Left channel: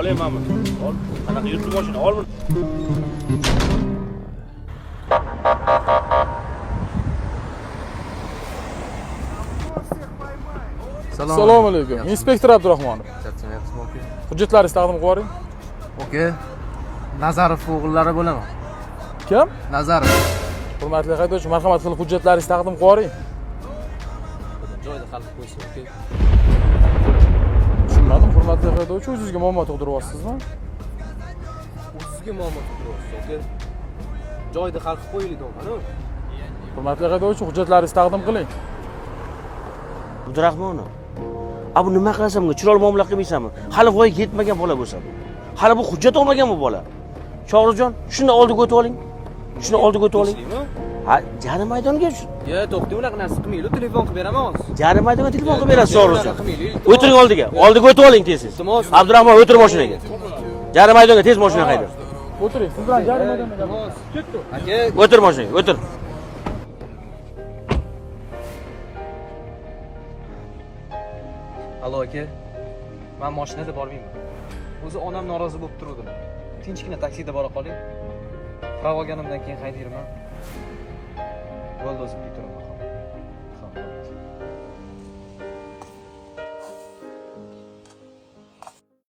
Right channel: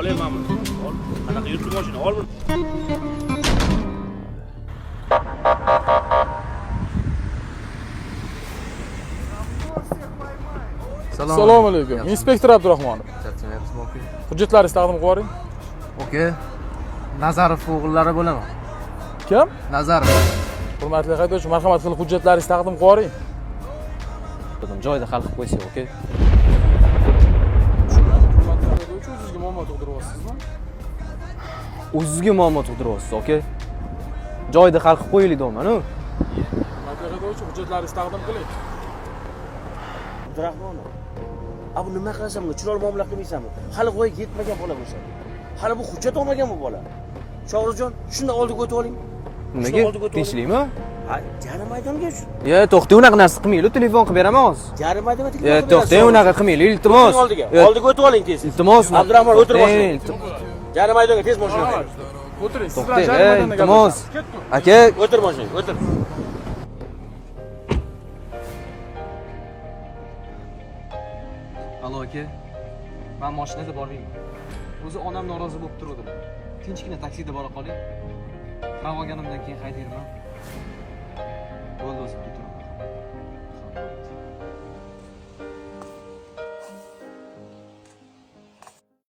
Olayman buni. Ol. Qanaqa yurtli mashina? Ol buni. Assalomu alaykum. Inspektor Abdurahmonov. Charchamayapsizmi aka? Hujjatlaringizni taqdim qilib yuboring. Aka, Nazarov o'g'illari bo'laman. Kim? Nazarov. Hurmatli haydovchi, marhamat qilib hujjatlaringizni taqdim qilib yuboring. Joyida hal qilib qo'ysin, aka. Tushunmadim. Hurmatli haydovchi, o'zingizga muammo tug'diryapsizmi? O'zingizga muammo tug'diryapsiz, aka. Joyida hal qilib qo'yaylik deyman-ku. Hurmatli haydovchi, hujjatlaringizni taqdim qiling. Abdurahmonov. A bu nima qilasan bunga? Chiroyli muomala qilmaysanmi? Hali voyaga yetmagan bola bo'lsa. Hali bu hujjat olmagan bu bola. Shohruxjon, shuni oldiga o'tib oling. Shuni oldiga o'tib oling. Tinchlikmi? Ha, yarim maydonga. To'xta, unaqa narsa qilmaylik. Telefon qilib beraman hozir. Yarim maydonga telefon qilib berasiz. To'xta, unaqa qilmaylik. Iltimos. O'tiring oldiga. Oldiga o'tib oling tez. Iltimos. Abdurahmon, o'tir mashinaga. Yarim maydonga tez mashina haydang. O'tiring. Siz bilan yarim maydonga iltimos. Aka, O'tir mashinaga, o'tir. Allo aka. Men mashinada bormayman. O'zi onam norozi bo'lib turdi. Tinchgina taksida bora qoling. Qirab olganimdan keyin haydayman. Bo'ldi o'zim ketiraman.